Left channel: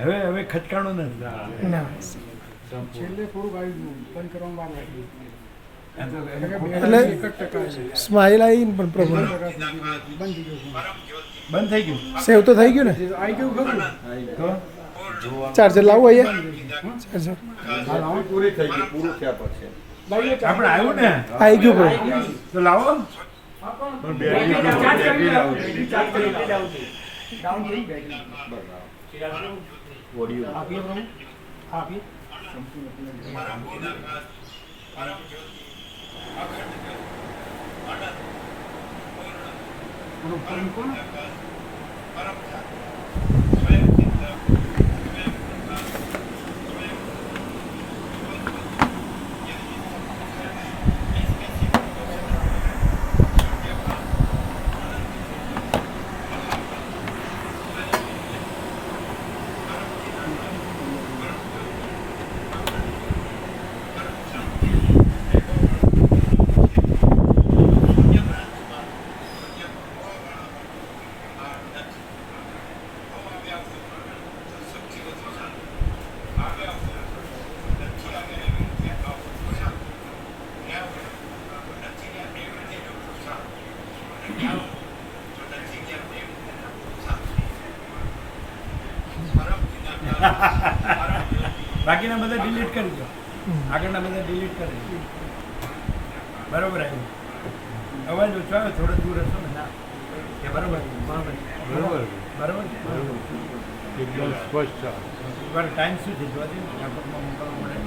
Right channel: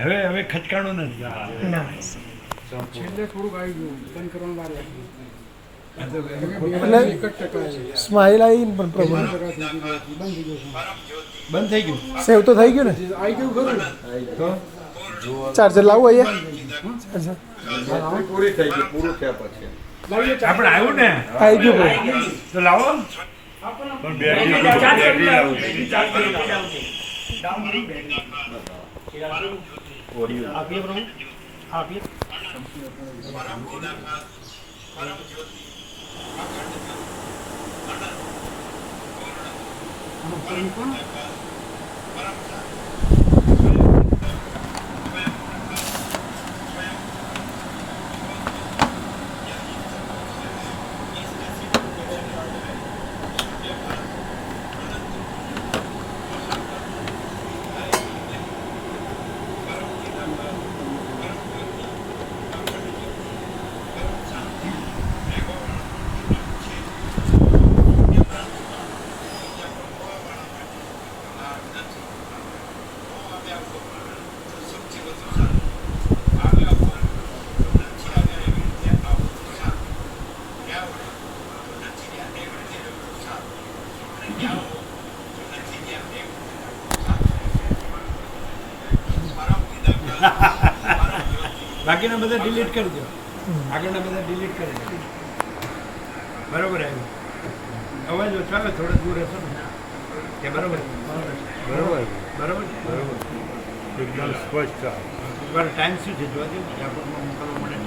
હવે ખચકાણું નથી. ના છેલ્લે થોડુંક આવી ગયું બંધ કરવાનું વાર લાગી. એટલે સ્માઇલ આવી ને પણ પ્રોબ્લેમ બંધ થઈ ગયું. સેવ તો થઈ ગયું ને આવી ગયું ખરું તો ચાર્જર લાવું અહીંયા ચાર્જર પૂરી થઈ ગઈ, પૂરું થયા પછી આપણે આવ્યું ને આવી ગયું ભાઈ તો લાવો. પણ બેટરી લાવું બાકીના બધા ડિલીટ કરી દો. આગળના બધા ડિલીટ કરી દો. બરોબર આવ્યું. અવાજ ઓછો આવે, થોડો દૂર હશો ને. કે બરોબર બરોબર બરોબર બરોબર બરોબર એકદમ સ્પષ્ટ. ટાઈમ શું છે જોવા દે, લેપટોપમાં મોકલવું પડે.